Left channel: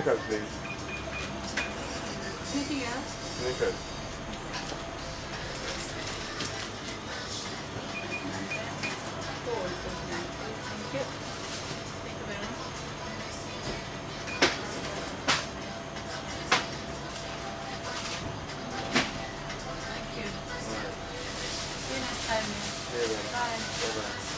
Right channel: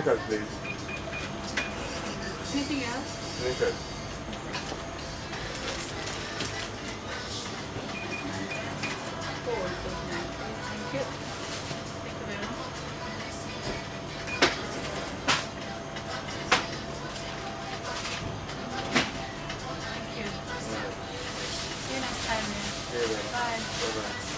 Snickers, please. Anything else? Snickers. Thank you. Thank you very much. Thank you. Alright. See you next time, man. Yeah, Bye. bye-bye.